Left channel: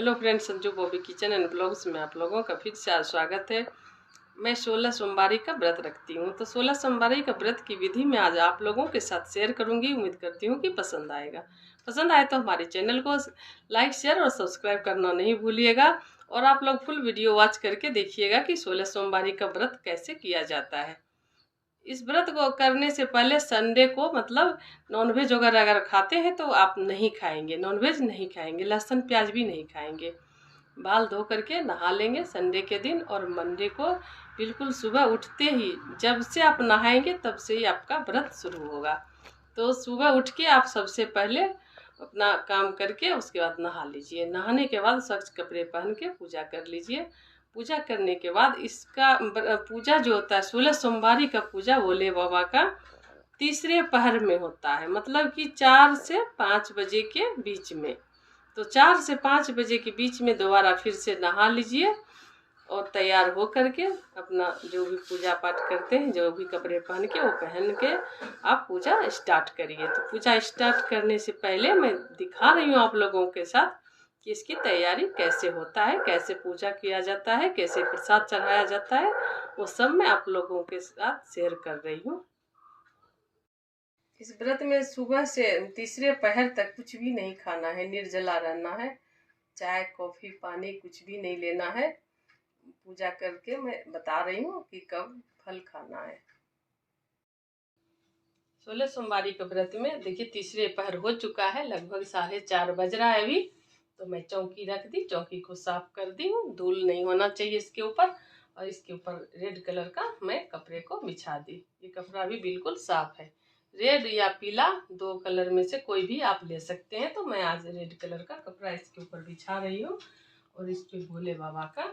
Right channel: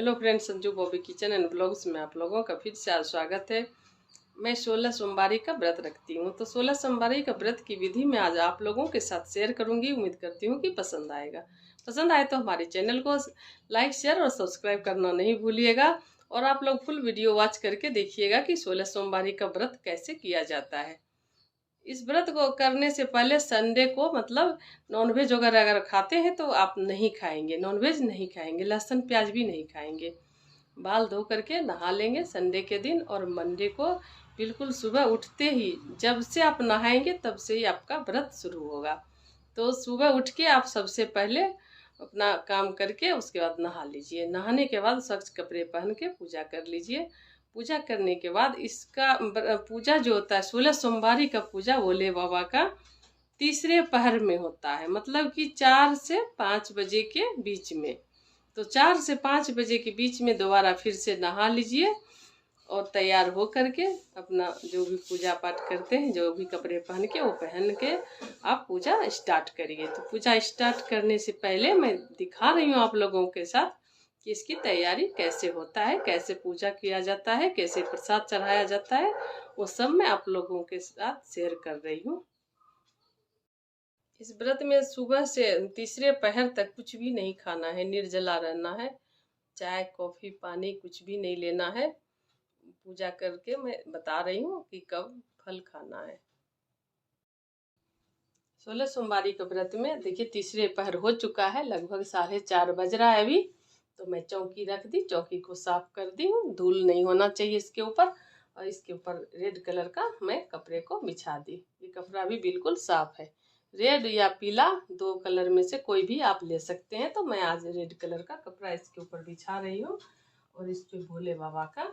Hello friends, Sanju Bobby kitchen and blogs में आप लोगों का फिर से आज स्वागत है। मैं 16 सोमवारी का व्रत रखती हूँ, तो 16 सोमवारी का व्रत की विधि मैं आज आप लोगों के साथ शेयर करूँगी। उम्मीद करती हूँ कि पसंद आएगा। पसंद आए तो हमारे चैनल को लाइक, शेयर और सब्सक्राइब करना नहीं भूलिएगा। और आप लोग फुल वीडियो वॉच करके देखिएगा कि 16 सोमवारी का व्रत कैसे किया जाता है। इस व्रत को करने से पहले संडे को मतलब नॉनवेज अगर खाते हैं तो आप नहीं खाएंगे, नॉनवेज नहीं खाएंगे, लहसुन प्याज भी नहीं खाएंगे। बाल धो करके नहा लेंगे संडे के दिन, और मंडे को बिल्कुल सुबह उठते ही जब से आप नहाएंगे तब से ही आपका व्रत शुरू होगा। तो सुबह उठ के आप सबसे पहले अपना काम करके उसके बाद नहा लीजिए। नहाने के बाद स्वच्छ कपड़े पहन के पूजा कर लीजिए। पूजा करने के बाद इसका पूजा जो होता है 16 सोमवारी का पूजा भोले बाबा का तीसरे पहर में होता है, मतलब कि 4 से 5 बजे के बीच में। तो 4 से 5 बजे के बीच में दोबारा फिर से नहा लीजिए और तैयार हो करके अपना जो भी पूजा पाठ करते हैं, जो भी कपड़े पहन के वो पहन के आप पूजा स्टार्ट करिए। तो पूजा स्टार्ट करने से पहले मैं दिखा रही हूँ आप लोगों के साथ कि इसकी तैयारी कैसे होता है, कैसे पूजा किया जाता है, कैसे प्रसाद चढ़ाया जाता है, वो सब मैं आप लोगों के साथ शेयर कर रही हूँ। इस व्रत में सुबह से तीसरे पहर तक कुछ भी नहीं खाना है, निर्जला रहना है। चाय, कॉफ़ी, पानी कुछ भी नहीं लेना है। पूजा करके मैं बता रही हूँ कि कब फल खाना है। 16 सोमवारी के व्रत में देखिए तीसरे पहर हो चुका है, लगभग 4:30 बज रहा है अभी। तो मैं चौकी रख दी, चौकी को साफ कर दी हूँ, धूल नहीं होना चाहिए इसके ऊपर। और इसके ऊपर रेड कलर का मैं कपड़े को बिछा दी। ये कपड़ा भी बिल्कुल साफ है, रेड या पीला, दो कलर में से कोई भी आप ले सकते हैं। तो मैं आज रेड कलर का कपड़ा इसके ऊपर बिछा रही हूँ। और इस पे भोले बाबा का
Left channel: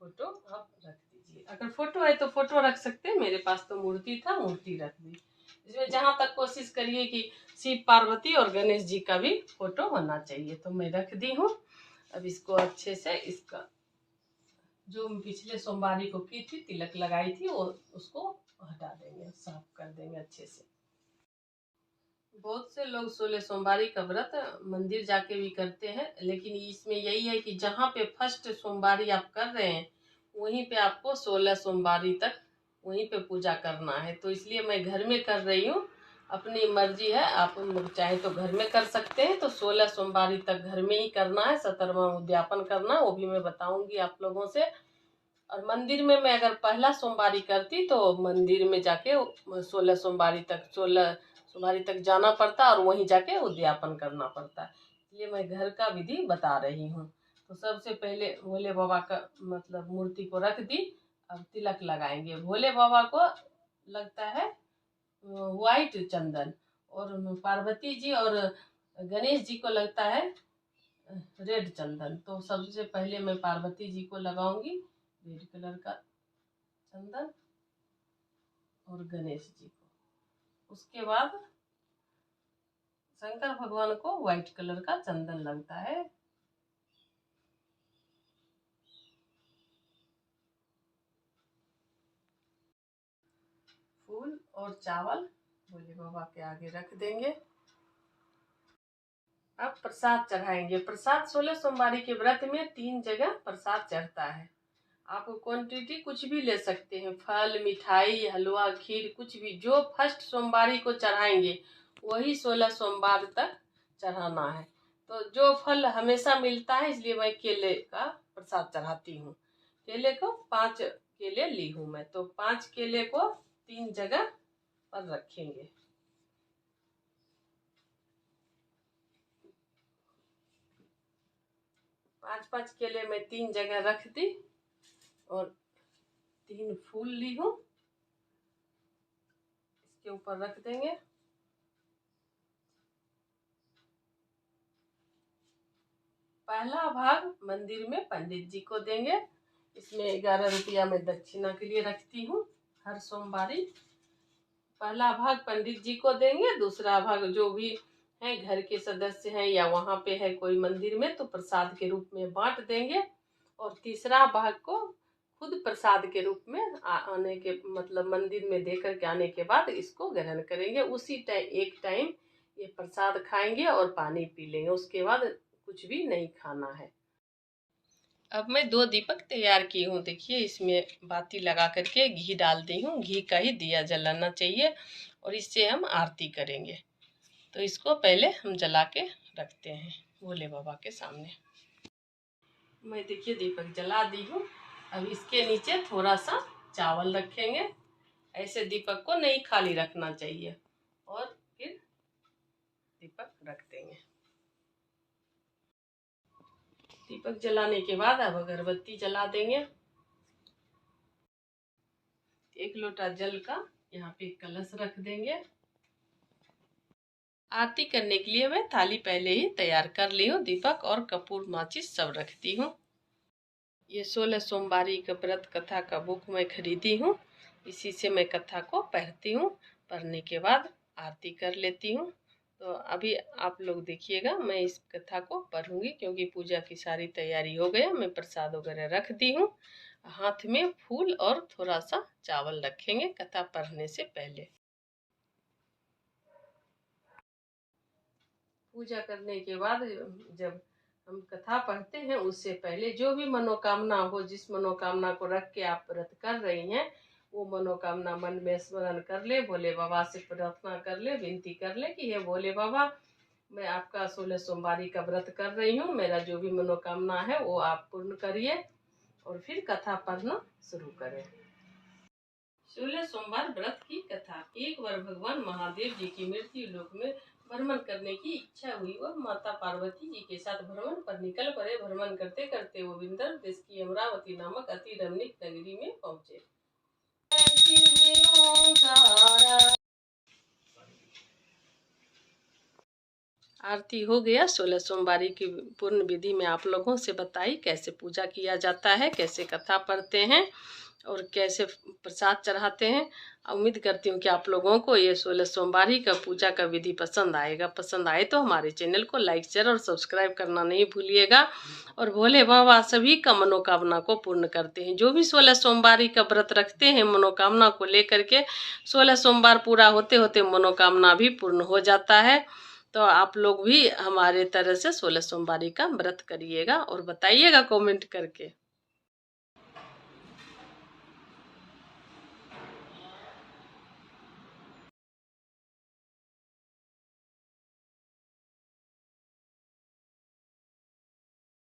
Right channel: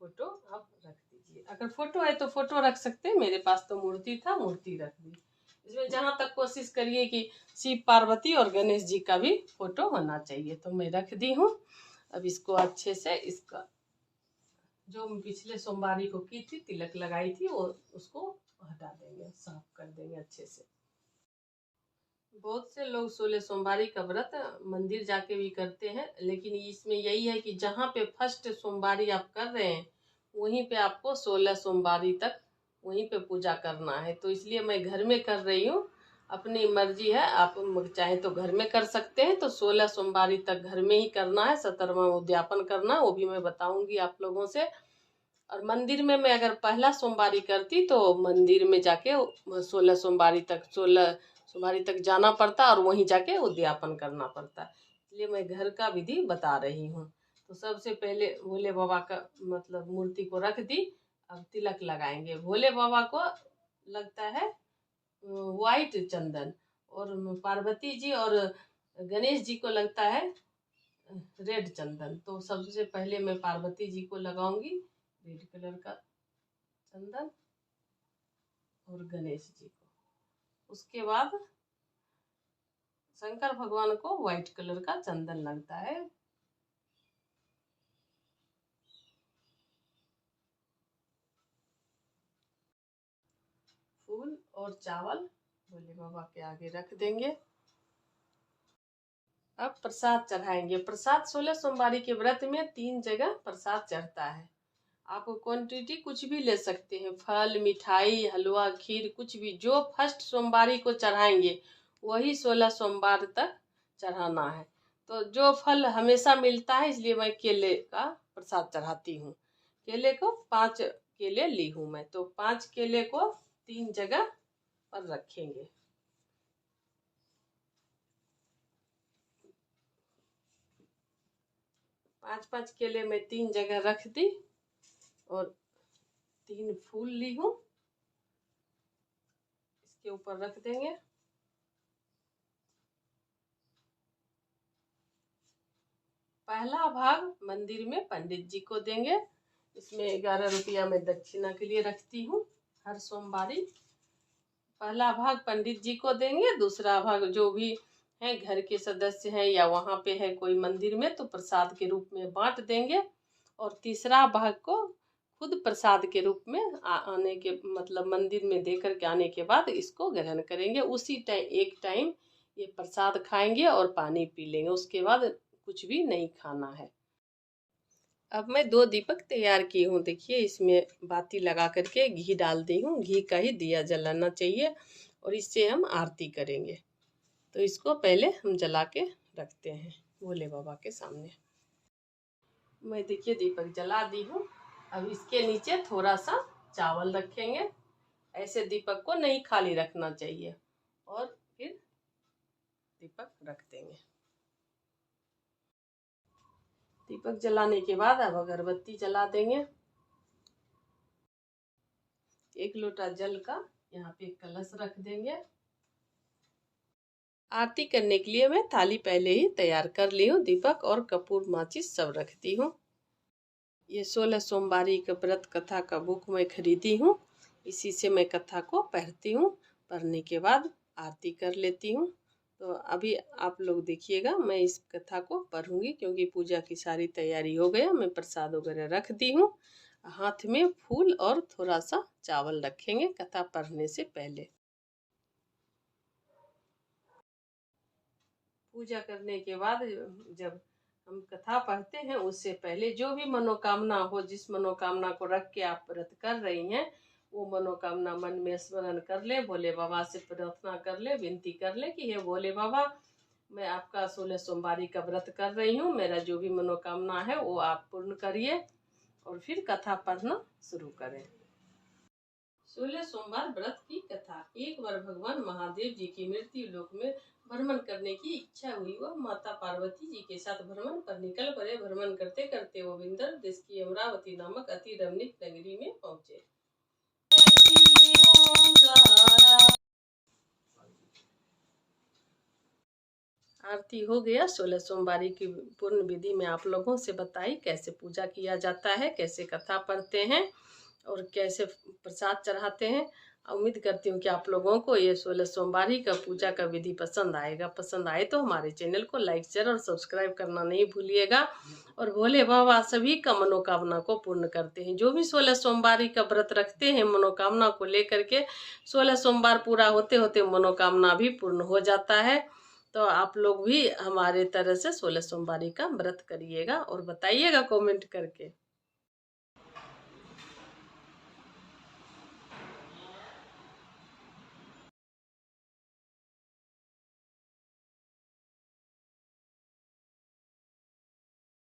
फोटो आप रख दीजिए। अगर फोटो है तो फोटो रख सकते हैं, मेरे पास तो मूर्ति था, मूर्ति रख दी। इसमें जहाँ तक कोशिश करिए कि शिव, पार्वती और गणेश जी का भी फोटो होना चाहिए। तो मैं रख दी हूँ। अब इसको अच्छे से, इसका जो पिछले सोमवारी को की थी, तिलक लगाई थी, वो उसको हटा देंगे, साफ कर देंगे अच्छे से। बहुत से लोग 16 सोमवारी का व्रत मंदिर जाके भी करते हैं, लेकिन इसमें यही है कि जहाँ पे फर्स्ट सोमवारी आप कर रहे हैं वहीं पे आपको 16 सोमवारी तक वहीं पे पूजा करना है। तो इसलिए मैं घर में कर रही हूँ। अपनी मर्जी है, आप चाहे तो घर में कर सकते हैं। तो 16 सोमवारी तक घर में ही करना है, 17वां उद्यापन करना, वो भी मैं बताऊंगी आप लोगों से। और मंदिर में मैं अगर पहला सोमवारी करती तो मंदिर में जाके 16 सोमवारी तक 16 सोमवारी तक जाना पड़ता और वहीं जाके उद्यापन करना पड़ता। इसलिए मैं घर का विधि बता रही हूँ। तो सबसे पहले भोले बाबा का मतलब मूर्ति को रख दी। अब तिलक लगाएंगे। भोले बाबा को लगता है व्हाइट चंदन, और पार्वती जी और गणेश जी को लगता है रेड चंदन। तो सबसे पहले मैं पार्वती जी को लगाऊंगी रेड कलर का चंदन, और गणेश जी को। उसके बाद शंकर भगवान को व्हाइट कलर का चंदन लगता है। फूल और चावल भोले बाबा के आगे रख देंगे। अब प्रसाद चढ़ाएंगे। प्रसाद 16 सोमवारी के व्रत में 3 जगह प्रसाद चढ़ता है। आप क्वांटिटी कुछ भी ले सकते हैं, फल, मिठाई, हलवा, खीर, कुछ भी। जो फर्स्ट सोमवारी को चढ़ाएंगे वही 16 सोमवार तक चढ़ाना है। तो जो फल हमेशा मिलता है, इसलिए मैं केले का प्रसाद चढ़ाती हूँ। केले को 5 केले ली हूँ मैं। तो 5 केले को 3 जगह पर रखेंगे। 5-5 केले मैं 3 जगह रख दी, और 3 फूल ली हूँ, इसके ऊपर रख देंगे। पहला भाग मंदिर में पंडित जी को देंगे। इसमें 11 रुपया मैं दक्षिणा के लिए रखती हूँ हर सोमवारी। पहला भाग पंडित जी को देंगे, दूसरा भाग जो भी है घर के सदस्य हैं या वहाँ पे है कोई मंदिर में तो प्रसाद के रूप में बांट देंगे। और तीसरा भाग को खुद प्रसाद के रूप में आने के मतलब मंदिर में दे करके आने के बाद इसको ग्रहण करेंगे। उसी एक टाइम ये प्रसाद खाएंगे और पानी पी लेंगे। उसके बाद कुछ भी नहीं खाना है। अब मैं 2 दीपक तैयार की हूँ। देखिए इसमें बाती लगा करके घी डाल दी हूँ। घी का ही दिया जलाना चाहिए और इससे हम आरती करेंगे। तो इसको पहले हम जला के रखते हैं भोले बाबा के सामने। मैं देखिए दीपक जला दी हूँ। अब इसके नीचे थोड़ा सा चावल रखेंगे। ऐसे दीपक को नहीं खाली रखना चाहिए और फिर दीपक रख देंगे। दीपक जलाने के बाद अब अगरबत्ती जला देंगे। 1 लोटा जल का यहाँ पे कलश रख देंगे। आरती करने के लिए मैं थाली पहले ही तैयार कर ली हूँ। दीपक और कपूर माचिस सब रखती हूँ। ये 16 सोमवारी का व्रत कथा का बुक मैं खरीदी हूँ। इसी से मैं कथा को पढ़ती हूँ। पढ़ने के बाद आरती कर लेती हूँ। तो अभी आप लोग देखिएगा, मैं इस कथा को पढ़ूंगी क्योंकि पूजा की सारी तैयारी हो गया। मैं प्रसाद वगैरह रख दी हूँ। हाथ में फूल और थोड़ा सा चावल रखेंगे कथा पढ़ने से पहले। पूजा करने के बाद जब हम कथा पढ़ते हैं उससे पहले जो भी मनोकामना हो, जिस मनोकामना को रख के आप व्रत कर रही हैं, वो मनोकामना मन में स्मरण कर ले, भोले बाबा से प्रार्थना कर ले, विनती कर ले कि हे भोले बाबा, मैं आपका 16 सोमवारी का व्रत कर रही हूँ। मेरा जो भी मनोकामना है वो आप पूर्ण करिए और फिर कथा पढ़ना शुरू करें। 16 सोमवार व्रत की कथा। एक बार भगवान महादेव जी की मृत्यु लोक में भ्रमण करने की इच्छा हुई। वह माता पार्वती जी के साथ भ्रमण पर निकल पड़े। भ्रमण करते करते वो विंध्य देश की अमरावती नामक अति रमणीक नगरी में पहुंचे। आरती हो गया। 16 सोमवारी की पूर्ण विधि में आप लोगों से बताई कैसे पूजा किया जाता है, कैसे कथा पढ़ते हैं और कैसे प्रसाद चढ़ाते हैं। उम्मीद करती हूँ कि आप लोगों को ये 16 सोमवारी का पूजा का विधि पसंद आएगा। पसंद आए तो हमारे चैनल को लाइक शेयर और सब्सक्राइब करना नहीं भूलिएगा। और भोले बाबा सभी का मनोकामना को पूर्ण करते हैं। जो भी 16 सोमवारी का व्रत रखते हैं मनोकामना को लेकर के, 16 सोमवार पूरा होते होते मनोकामना भी पूर्ण हो जाता है। तो आप लोग भी हमारे तरह से 16 सोमवारी का व्रत करिएगा और बताइएगा कमेंट करके।